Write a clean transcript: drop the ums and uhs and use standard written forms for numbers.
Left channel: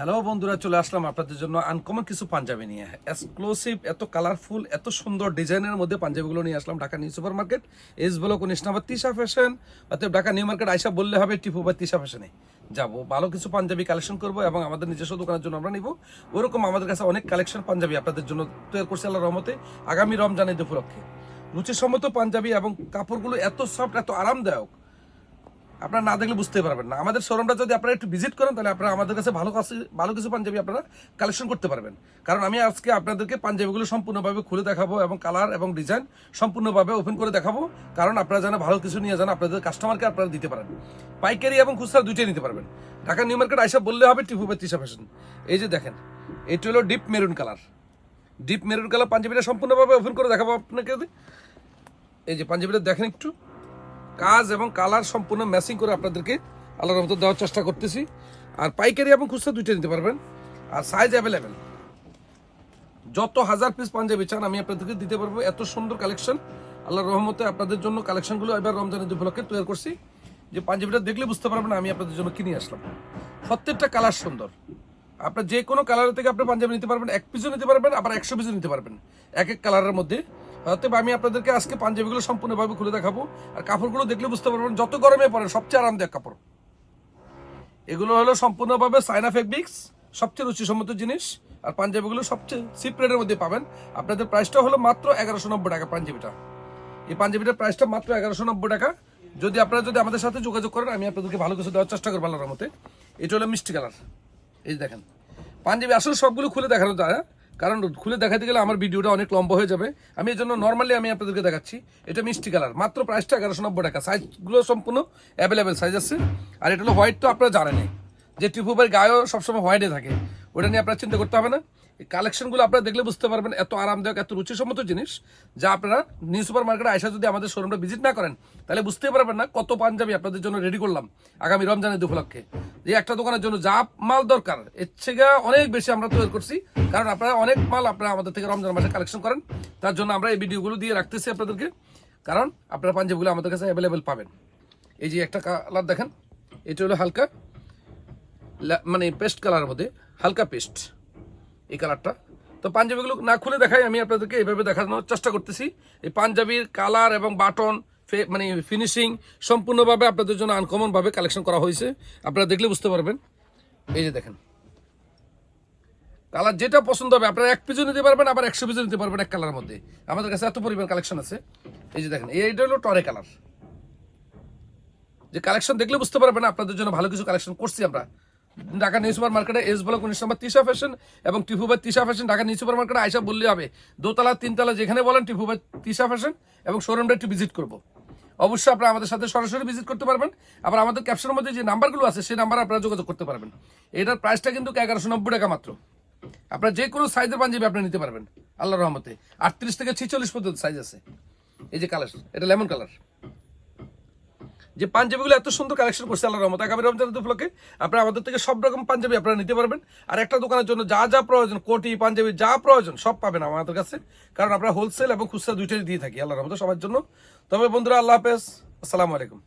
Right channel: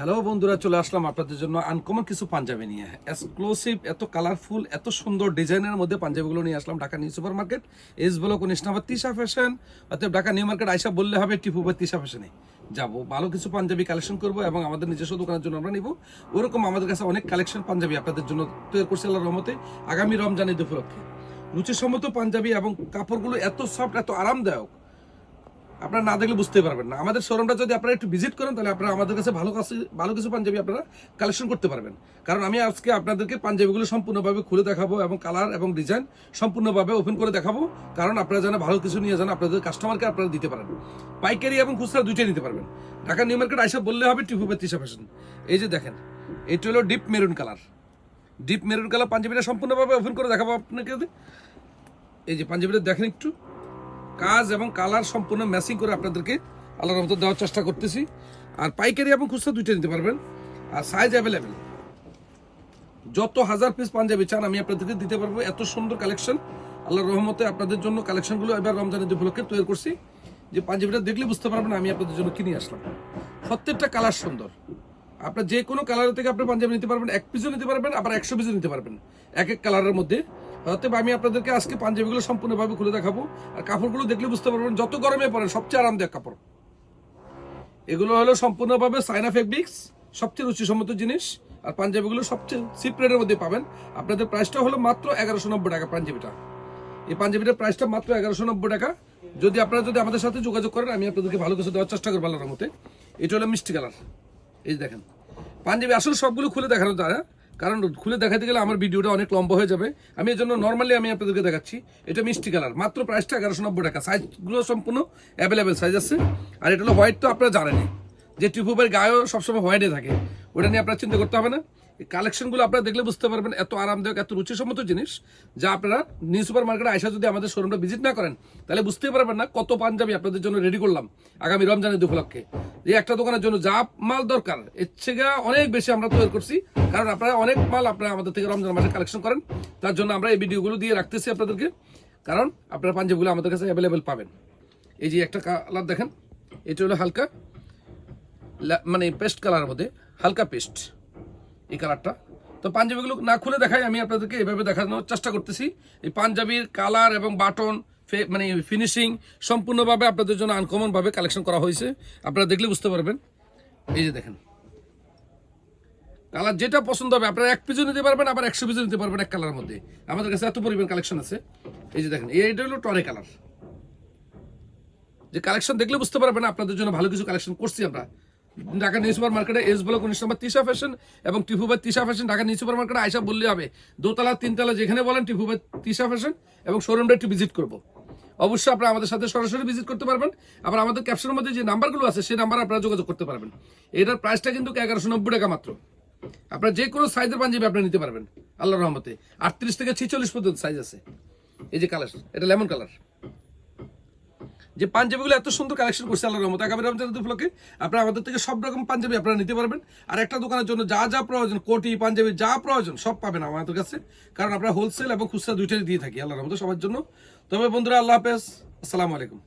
Hello বন্ধুরা, চলে আসলাম আপনাদের জন্য আনকমন কিছু পাঞ্জাবি নিয়ে। এক্সক্লুসিভ, এত কালারফুল, এত সুন্দর ডিজাইনের মধ্যে পাঞ্জাবিগুলো নিয়ে আসলাম Dhaka new super market, S block 19 নম্বর তিশা ফ্যাশন। অতএব ঢাকা নিউ মার্কেট আইসা বললে হবে টিপু বা তিশা ফ্যাশনে যাবো, ভালো কিছু পাঞ্জাবি কালেকশন করবো এবং আমাদের নিজস্ব দোকানের জন্য আমরা নিব। ওরকম আমাদের কাছে অনেক কালেকশন পাঞ্জাবি আপনাদের জন্য তৈরি করছে আল্লাহর রহমতে আগামী রমজান ঈদ উপলক্ষে। রুচিসম্মত পাঞ্জাবি এবং কাপড়গুলো এত সফট, এত আরামদায়ক, আপনারা না দেখলে বুঝতে পারবেন না। আমাদের শোরুমটা যদি আপনারা একটু ভিজিট করেন তাহলে আপনারা আমাদের কাছে ভালো কিছু পাঞ্জাবি আপনারা কালেকশন করতে পারবেন। কারণ আমি আজকে আপনাদেরকে পাঞ্জাবিগুলো সম্পূর্ণভাবে খুলে দেখাবো এবং কালার এবং ডিজাইন সম্পূর্ণভাবে ওপেন করে দেখাবো। কারণ আপনারা যেন ভালো কিছু নিয়ে যান, আপনাদের কাস্টমারকে আপনারা দিতে পারেন। পাইকারি এবং খুচরা দুইটাই নিতে পারবেন। ঢাকা নিউ মার্কেট আইসা বললে হবে টিপু বা তিশা ফ্যাশন। এই যে দেখেন, এটা হলো deep maroon colour. Deep maroon colour পাঞ্জাবিটা সম্পূর্ণভাবে ওপেন করে দেখাবো আপনাকে। এই যে পাঞ্জাবিটা দেখেন, একটু কাজ এবং কালার সম্পূর্ণ ম্যাচিং করে আপনাদেরকে আল্লাহর রহমতে দেওয়ার চেষ্টা করতেছি। আর পাইকারি এবং খুচরা দুইটা নিতে পারবেন। আর সাইজ অ্যাভেলেবেল, যত হাজার পিস পাঞ্জাবি চান আমি আপনাদেরকে দিতে পারবো। এত সুন্দর কালেকশন আল্লাহর রহমতে আপনাদের জন্য কালেকশনগুলো এবার রমজান ঈদ উপলক্ষে তৈরি করছি। যে পাঞ্জাবিটা দেখলে বুঝতে পারবেন আমি আপনাদের জন্য কিনে আসলাম। প্রত্যেকটা কালার সুন্দর। আপনার যে কোনো কালার থেকে আপনি পাঞ্জাবি নিতে পারবেন, 1 পিসও নিতে পারবেন, আবার 100 পিসও নিতে পারবেন এক এক কালারের মধ্যে। অতএব আমি আপনাদেরকে আজকে পাঞ্জাবিগুলো সম্পূর্ণভাবে খুলে দেখাবো। আর কাপড়গুলো দেখলে বুঝতে পারবেন যত গরমে পড়েন সবচেয়ে আরামদায়ক কাপড় এগুলো হলো। সম্পূর্ণভাবে চায়না ফেব্রিক্স, সবচেয়ে রুচিসম্মত জিনিস। আর পাঞ্জাবিগুলো সবচেয়ে চিপ রেটের মধ্যে পাবেন। আপনাদের প্রাইসটা হলো মাত্র 1190 টাকা পাঞ্জাবিটা। এই পাঞ্জাবিটার প্রাইসটা মাত্র 1190 টাকা। যদি আপনারা আমাদের সাথে যোগাযোগ করেন আমি আপনাদেরকে ভালো কিছু দেওয়ার চেষ্টা করবো আল্লাহর রহমতে। এটা হলো মিষ্টি কালার। এই দেখেন পাঞ্জাবি, আসলে সবগুলো খুলে দেখানো যায়, কারণ খুলে দেখাতে গেলে আমার ভিডিওটা অনেক লম্বা হয়ে যাবে। আমি এই জন্য নর্মালি আমি আপনাদেরকে দেখাচ্ছি। এটা মিষ্টি কালার, মাত্র প্রাইসটা 1190 টাকা। সাইজগুলো সম্পূর্ণ অ্যাভেলেবেল সাইজ আছে। আর এটা হলো হোয়াইট, তো আপনারা জানেনই যে টিপুবের গায়েও সবসময় হোয়াইটে থাকে, ওটা নিয়ে আপনারা চিন্তা করতে হবে না। এই কালেকশনগুলো আপনারা দেখলে বুঝতে পারবেন এত আরামদায়ক, এত রুচিসম্মত জিনিস যা আপনারা নিউ সুপার মার্কেটে আইসা যদি আমাদের শোরুমটা ভিজিট না করেন তাহলে বুঝতেই পারবেন না কত পাঞ্জাবি আপনাদের জন্য রেডি করলাম আগামী রমজানের উপলক্ষে। যে একটা দোকানের জন্য যা মাল দরকার এর থেকে অনেক বেশি আমরা তৈরি করছি। কারণ আপনারা অনেক মাল আপনারা আমাদের থেকে রমজান মাসে কালেকশন করেন, তার জন্য আমরা এই ভিডিওগুলো দিয়ে রাখতেছি আপনাদেরকে। কারণ আপনারা পাঞ্জাবিগুলো আমাদের কাছে অ্যাভেলেবেল পাবেন। এই যে একটা কালার দেখেন, এটা হলো হালকা মানে পেস্ট কালারের মধ্যে, হালকা পেস্ট এই কালারটা। তো পাঞ্জাবিগুলো না খুলে দেখাই, আমি আপনাদেরকে এইভাবে দেখানোর চেষ্টা করতেছি। এই পাঞ্জাবির কালার এবং বাটন মানে ফিনিশিং সম্পূর্ণভাবে আপনাদের জন্য আনকমনভাবে কালেকশন করা হয়েছে। আপনারা দেখলে বুঝতে পারবেন। এই যে দেখেন, কালার যেটা পছন্দ হবে আপনারা 1 পিসও নিতে পারবেন, আবার 100 পিসও নিতে পারবেন এক কালারের মধ্যে। আমাদের কাছে এত পরিমাণ কালেকশন আছে। এই যে দেখেন, এইটা হলো টরে কালার। যে কালেকশন দেখলে বুঝতে পারবেন আপনাদের জন্য ভালো কিছু কালেকশন করছি আমরা ঢাকা নিউ সুপার মার্কেটে, এস ব্লক 19 নম্বর তিশা ফ্যাশন এবং Tipu by Tisha fashion. Dhaka new super মার্কেটে আইসা বললে হবে, দোতলা 3তলা যেখানে বলেন টিপু বাই তিশা ফ্যাশন, এবং শোরুমটা একটু ভিজিট করবো। অবশ্যই আপনারা আমাদের সাথে সরাসরি ভিজিট করতে পারবেন। আবার আমাদের ক্যাপশনের মধ্যে যে নাম্বারগুলো আছে সেই নাম্বারে আপনারা যোগাযোগ করতে পারবেন। এটার প্রাইসটা কিন্তু 1190 টাকা মাত্র। আপনারা যে কোনো সাইজের পাঞ্জাবি আপনি নিতে পারবেন আল্লাহর রহমতে। 38 থেকে 46 পর্যন্ত সাইজ আছে। এই যে কালার, এটা লেমন কালার। যে পাঞ্জাবিগুলো এত সুন্দর কালেকশন করছে আল্লাহর রহমতে আগামী রমজান উপলক্ষে আপনারা আমাদের থেকে সব রকম পাঞ্জাবি আপনারা নিতে পারবেন। আর একটা দোকানের জন্য যা যা প্রয়োজন, কোটি পাঞ্জাবি যা প্রয়োজন সব পাবেন আমাদের কাছে। কারণ আমরা হোলসেল এবং খুচরা দুইটাই দিয়ে থাকি আল্লাহর রহমতে সবার জন্য। তবে বন্ধুরা, আল্লাহ হাফেজ, আসসালামু আলাইকুম।